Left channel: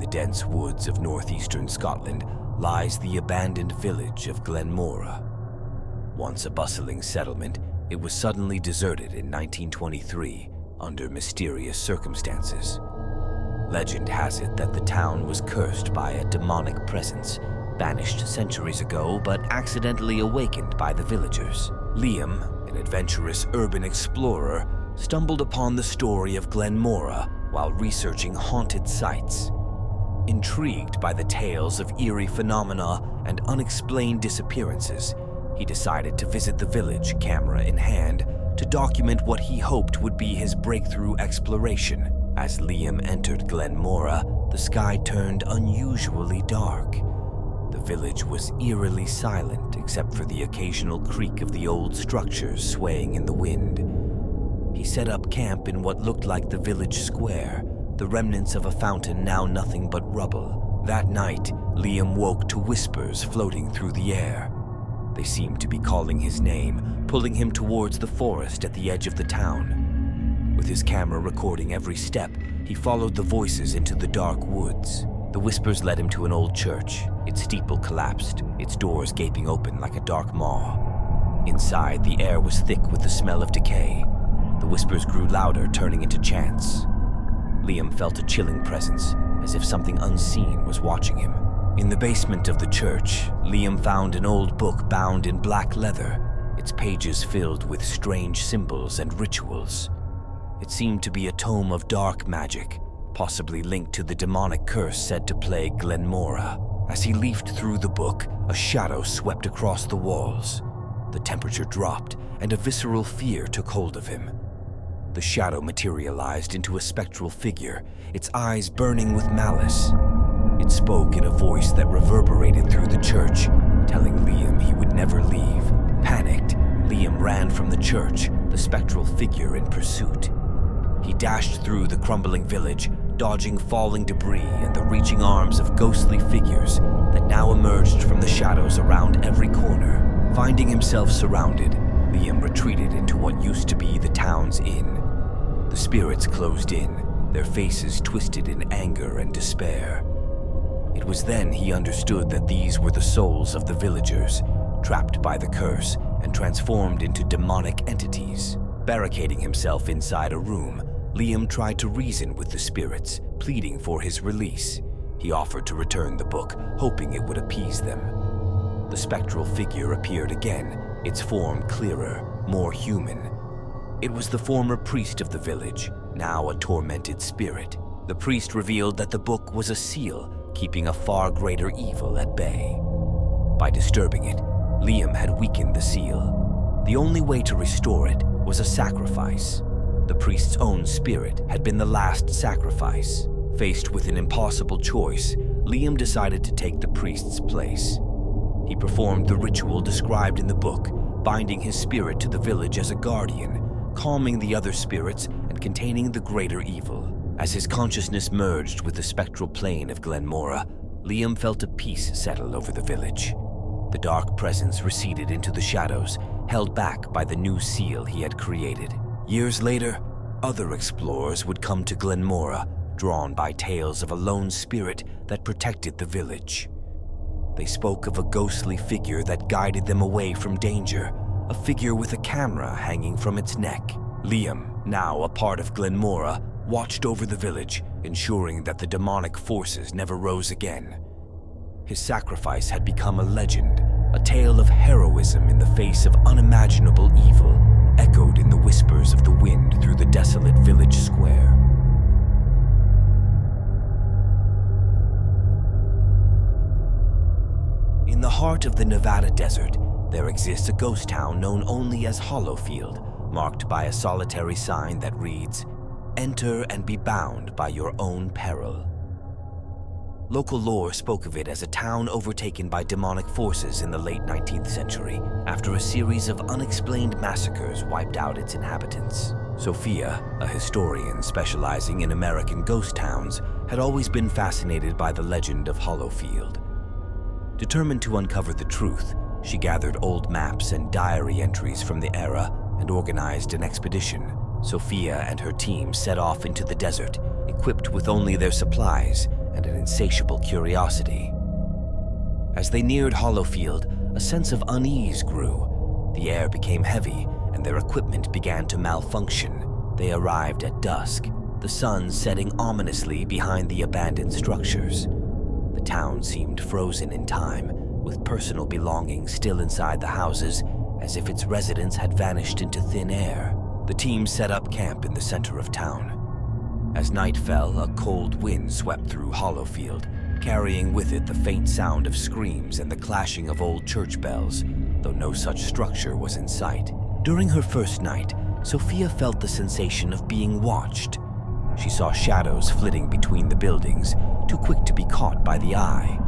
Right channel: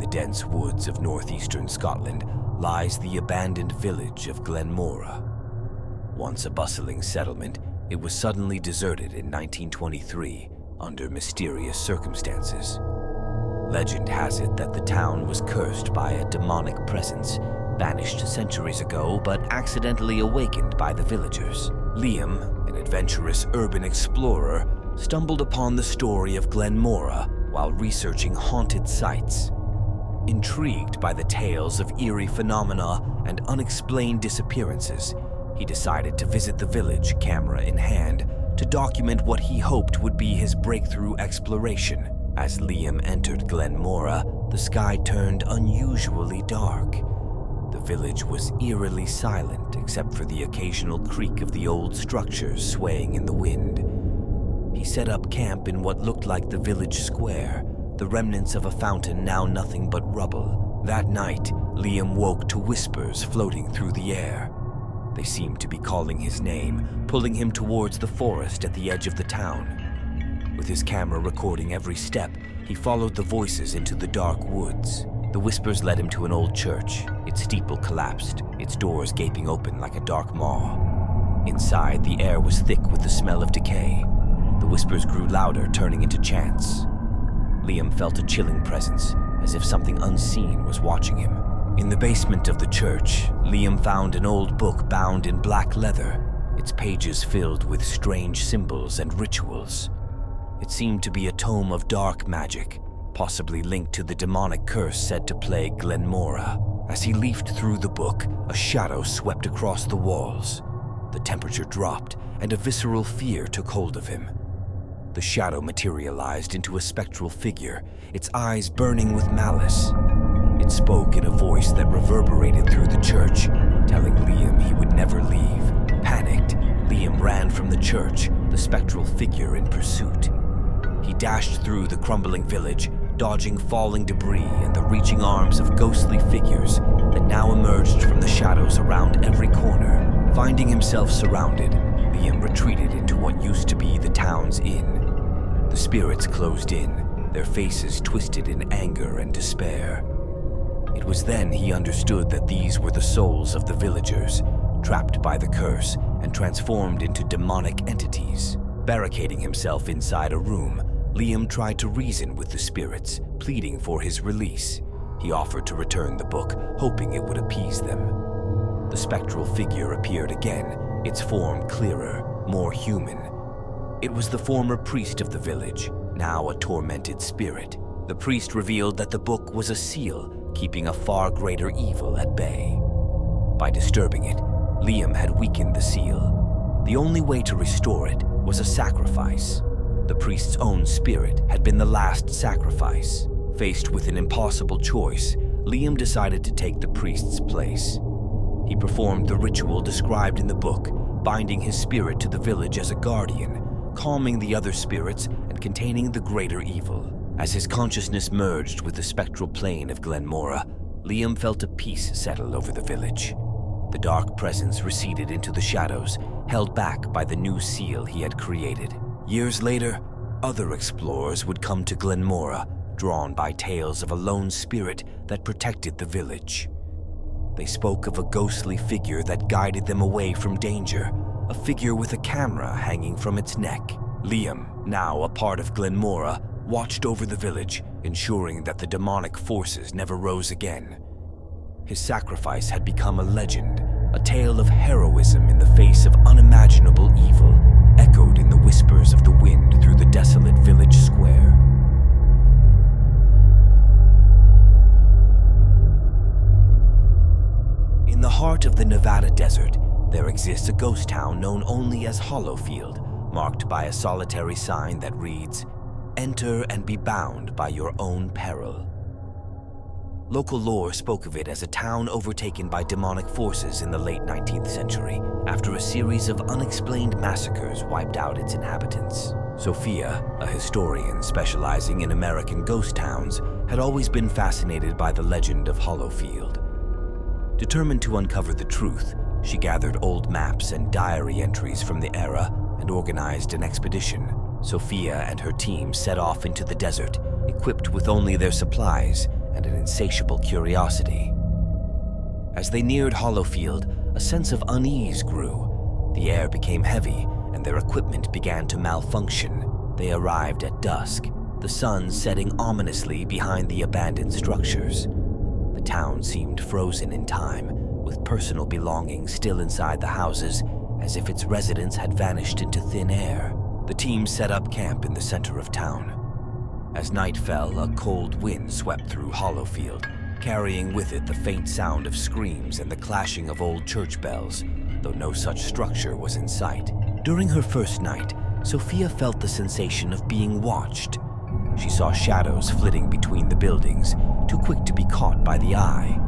the dense woods of northeastern Scotland lies the abandoned village of Glenmora. Once a bustling settlement, it was suddenly deserted in 1923 under mysterious circumstances. Legend has it that the town was cursed by a demonic presence, banished centuries ago but accidentally awakened by the villagers. Liam, an adventurous urban explorer, stumbled upon the story of Glenmora while researching haunted sites. Intrigued by the tales of eerie phenomena and unexplained disappearances, he decided to visit the village, camera in hand, to document what he hoped would be his breakthrough exploration. As Liam entered Glenmora, the sky turned unusually dark. The village was eerily silent except for the occasional creak of the old structures swaying in the wind. He set up camp in what looked like the village square, the remnants of a fountain now nothing but rubble. That night, Liam woke to whispers floating through the air. They seemed to be calling his name, pulling him towards the forest at the edge of the town. With his camera recording every step, he followed the voices into the dark woods. The whispers led him to an old church. Its steeple collapsed, its doors gaping open like a dark maw. Inside, the air was thick with the smell of decay. The whispers grew louder, turning into chants. Liam felt a chilling presence, as if something unseen was watching him. In the basement of the church, Liam found an old book bound in black leather, its pages filled with strange symbols and rituals. It seemed to be a tome of dark magic, possibly linked to the demonic curse said to plague Glenmora. As he leafed through the book, a shadow swept across the walls. The temperature dropped, and a visceral fear took hold of him. The shadow materialized into a spectral figure, its eyes burning with malice. It spoke in a voice that reverberated through the church, telling Liam he would never leave. Panicked, Liam ran from the church, the spectral figure in pursuit. He dashed through the crumbling village, dodging falling debris and the reaching arms of ghostly figures that now emerged from the shadows around every corner. Finding himself surrounded, Liam retreated into what used to be the town's inn. The spirits closed in, their faces twisted in anger and despair. It was then he understood that these were the souls of the villagers, trapped by the curse and transformed into demonic entities. Barricading himself inside a room, Liam tried to reason with the spirits, pleading for his release. He offered to return the book, hoping it would appease them. The spectral figure appeared again, its form clearer, more human. It was the former priest of the village, now a tormented spirit. The priest revealed that the book was a seal, keeping a far greater evil at bay. By disturbing it, Liam had weakened the seal. The only way to restore it was a sacrifice. The priest's own spirit had been the last sacrifice. Faced with an impossible choice, Liam decided to take the priest's place. He performed the ritual described in the book, binding his spirit to the village as a guardian, calming the other spirits and containing the greater evil. As his consciousness merged with the spectral plane of Glenmora, Liam felt a peace settle over the village. The dark presence receded into the shadows, held back by the new seal he had created. Years later, other explorers would come to Glenmora, drawn by tales of a lone spirit that protected the village. They spoke of a ghostly figure that guided them away from danger, a figure with a camera hanging from its neck. Liam, now a part of Glenmora, watched over the village, ensuring that the demonic forces never rose again. His sacrifice had become a legend, a tale of heroism in the face of unimaginable evil, echoed in the whispers of the wind through the desolate village square. In the heart of the Nevada desert, there exists a ghost town known only as Hollowfield, marked by a solitary sign that reads, "Enter and be bound by your own peril." Local lore spoke of it as a town overtaken by demonic forces in the late 19th century, after a series of unexplained massacres wiped out its inhabitants. Sophia, a historian specializing in American ghost towns, had always been fascinated by the legend of Hollowfield. Determined to uncover the truth, she gathered old maps and diary entries from the era and organized an expedition. Sophia and her team set off into the desert, equipped with only their supplies and an insatiable curiosity. As they neared Hollowfield, a sense of unease grew. The air became heavy, and their equipment began to malfunction. They arrived at dusk, the sun setting ominously behind the abandoned structures. The town seemed frozen in time, with personal belongings still inside the houses, as if its residents had vanished into thin air. The team set up camp in the center of town. As night fell, a cold wind swept through Hollowfield, carrying with it the faint sound of screams and the clashing of old church bells, though no such structure was in sight. During her first night, Sophia felt the sensation of being watched. She saw shadows flitting between the buildings, too quick to be caught by the eye.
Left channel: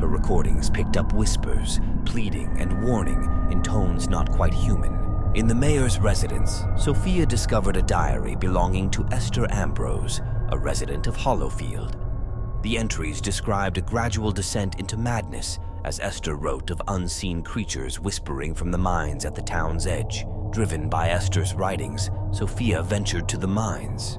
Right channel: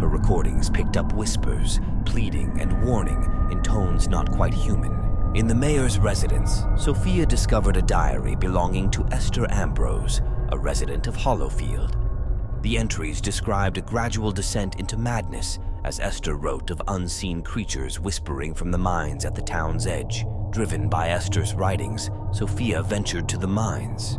Her recordings picked up whispers, pleading and warning in tones not quite human. In the mayor's residence, Sophia discovered a diary belonging to Esther Ambrose, a resident of Hollowfield. The entries described a gradual descent into madness, as Esther wrote of unseen creatures whispering from the mines at the town's edge. Driven by Esther's writings, Sophia ventured to the mines.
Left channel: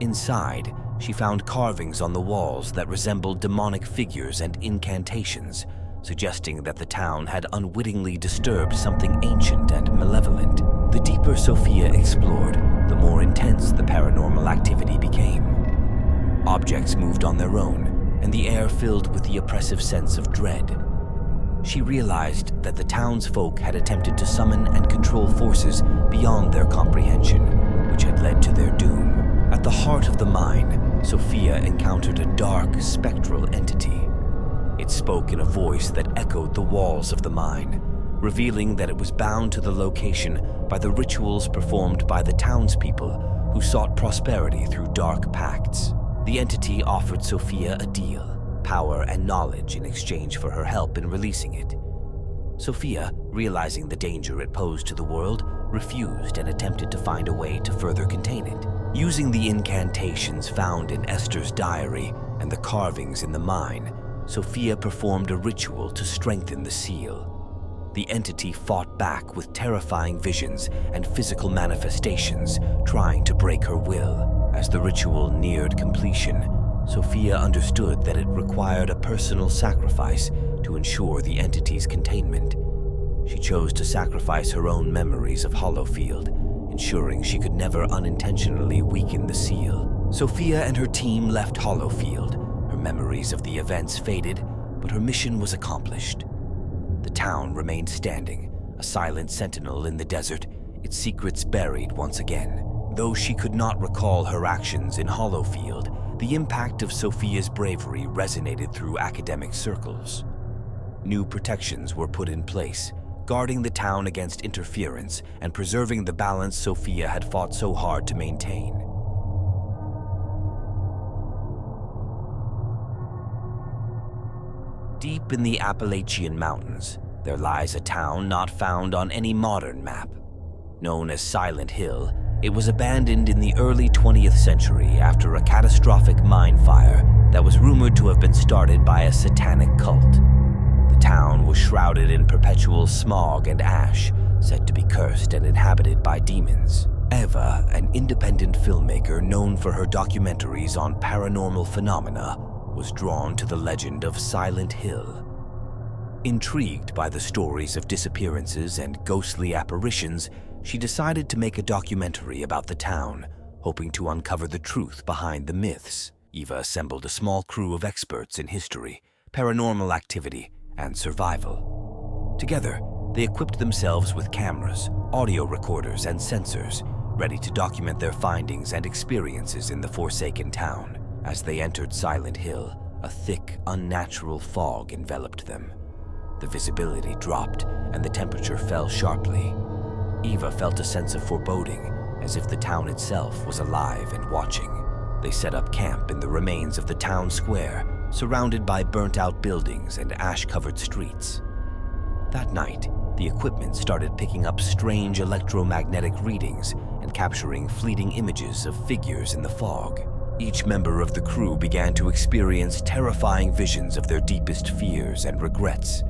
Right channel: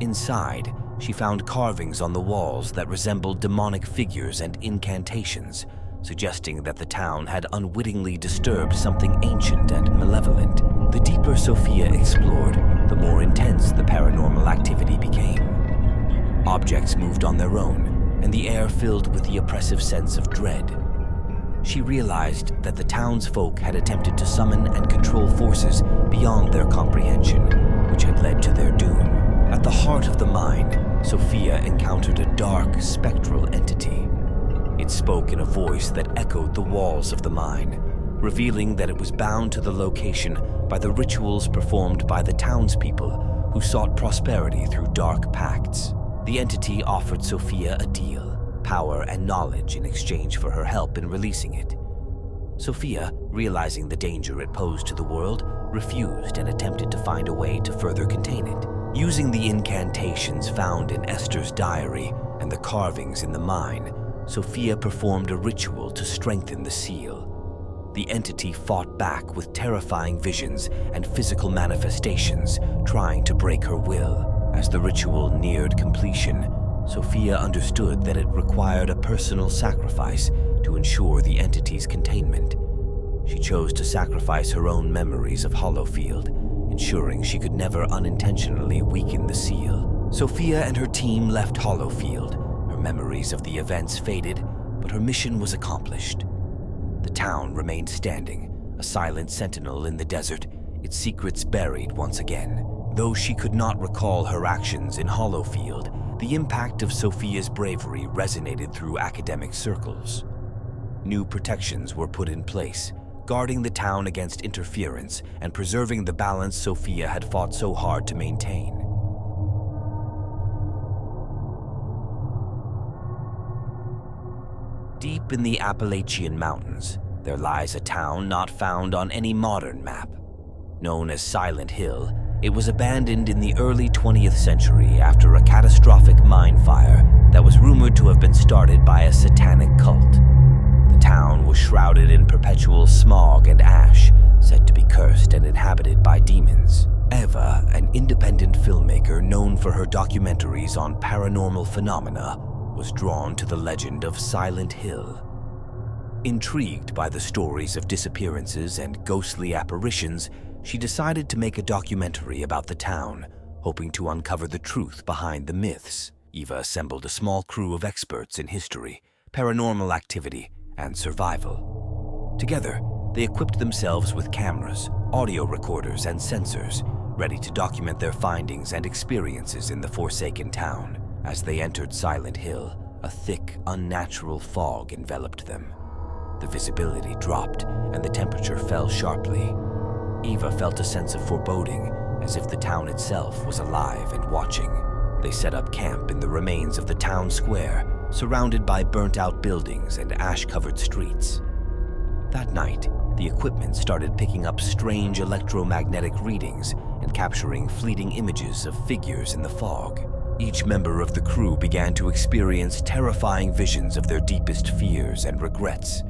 Inside, she found carvings on the walls that resembled demonic figures and incantations, suggesting that the town had unwittingly disturbed something ancient and malevolent. The deeper Sophia explored, the more intense the paranormal activity became. Objects moved on their own, and the air filled with the oppressive sense of dread. She realized that the townsfolk had attempted to summon and control forces beyond their comprehension, which had led to their doom. At the heart of the mine, Sophia encountered a dark, spectral entity. It spoke in a voice that echoed the walls of the mine, revealing that it was bound to the location by the rituals performed by the townspeople who sought prosperity through dark pacts. The entity offered Sophia a deal, power and knowledge in exchange for her help in releasing it. Sophia, realizing the danger it posed to the world, refused and attempted to find a way to further contain it. Using the incantations found in Esther's diary and the carvings in the mine, Sophia performed a ritual to strengthen the seal. The entity fought back with terrifying visions and physical manifestations, trying to break her will. As the ritual neared completion, Sophia understood that it required a personal sacrifice to ensure the entity's containment. She chose to sacrifice her own memories of Hollowfield, ensuring she could never unintentionally weaken the seal. Sophia and her team left Hollowfield. Her memories of the events faded, but her mission was accomplished. The town remained standing, a silent sentinel in the desert, its secrets buried once again. Though she could not recall her actions in Hollowfield, the impact of Sophia's bravery resonated through academic circles. New protections were put in place, guarding the town against interference and preserving the balance Sophia had fought so hard to maintain. Deep in the Appalachian Mountains, there lies a town not found on any modern map. Known as Silent Hill, it was abandoned in the early 20th century after a catastrophic mine fire that was rumored to have been started by a satanic cult. The town was shrouded in perpetual smog and ash, said to be cursed and inhabited by demons. Eva, an independent filmmaker known for her documentaries on paranormal phenomena, was drawn to the legend of Silent Hill. Intrigued by the stories of disappearances and ghostly apparitions, she decided to make a documentary about the town, hoping to uncover the truth behind the myths. Eva assembled a small crew of experts in history, paranormal activity, and survival. Together, they equipped themselves with cameras, audio recorders, and sensors, ready to document their findings and experiences in the forsaken town. As they entered Silent Hill, a thick, unnatural fog enveloped them. The visibility dropped, and the temperature fell sharply. Eva felt a sense of foreboding, as if the town itself was alive and watching. They set up camp in the remains of the town square, surrounded by burnt-out buildings and ash-covered streets. That night, the equipment started picking up strange electromagnetic readings and capturing fleeting images of figures in the fog. Each member of the crew began to experience terrifying visions of their deepest fears and regrets.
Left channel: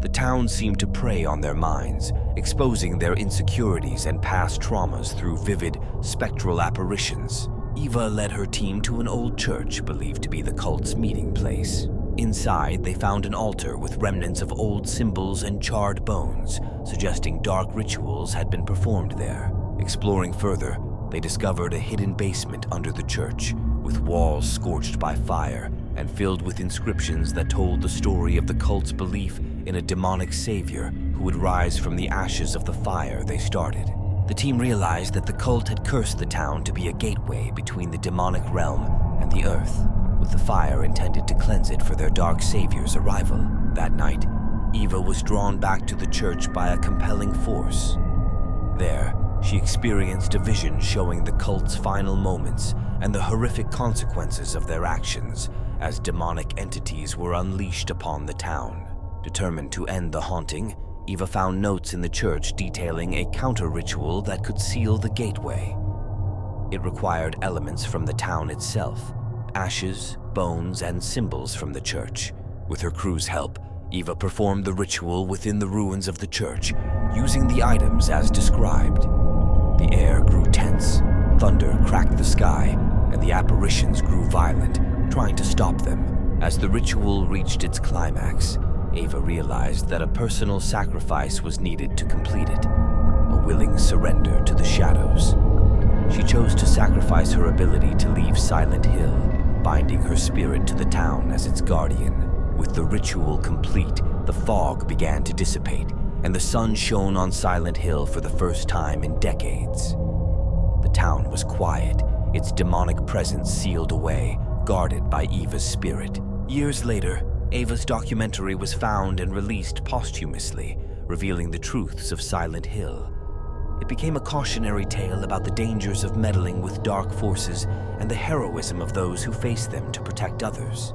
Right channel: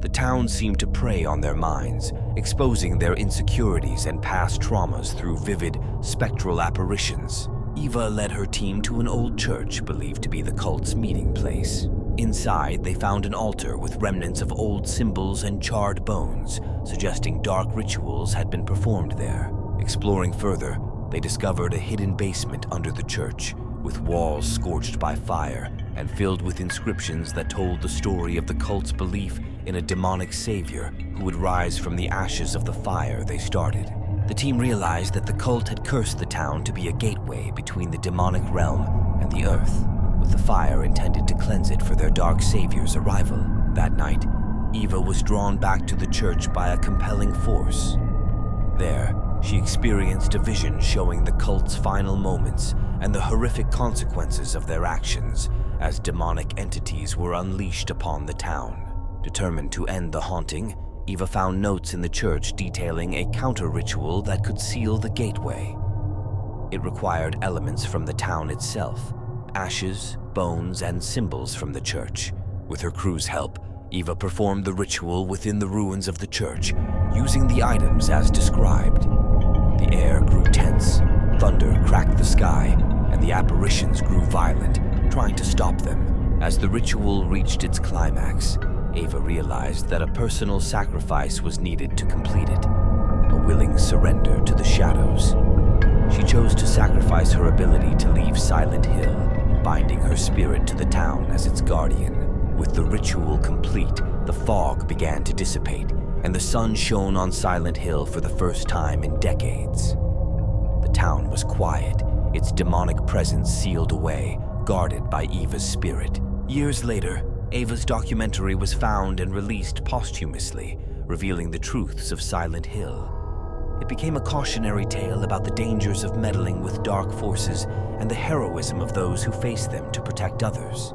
The town seemed to prey on their minds, exposing their insecurities and past traumas through vivid, spectral apparitions. Eva led her team to an old church believed to be the cult's meeting place. Inside, they found an altar with remnants of old symbols and charred bones, suggesting dark rituals had been performed there. Exploring further, they discovered a hidden basement under the church, with walls scorched by fire and filled with inscriptions that told the story of the cult's belief in a demonic savior who would rise from the ashes of the fire they started. The team realized that the cult had cursed the town to be a gateway between the demonic realm and the earth, with the fire intended to cleanse it for their dark savior's arrival. That night, Eva was drawn back to the church by a compelling force. There, she experienced a vision showing the cult's final moments and the horrific consequences of their actions as demonic entities were unleashed upon the town. Determined to end the haunting, Eva found notes in the church detailing a counter-ritual that could seal the gateway. It required elements from the town itself, ashes, bones, and symbols from the church. With her crew's help, Eva performed the ritual within the ruins of the church, using the items as described. The air grew tense, thunder cracked the sky, and the apparitions grew violent, trying to stop them. As the ritual reached its climax, Eva realized that a personal sacrifice was needed to complete it, a willing surrender to the shadows. She chose to sacrifice her ability to leave Silent Hill, binding her spirit to the town as its guardian. With the ritual complete, the fog began to dissipate, and the sun shone on Silent Hill for the first time in decades. The town was quiet, its demonic presence sealed away, guarded by Eva's spirit. Years later, Eva's documentary was found and released posthumously, revealing the truths of Silent Hill. It became a cautionary tale about the dangers of meddling with dark forces and the heroism of those who face them to protect others.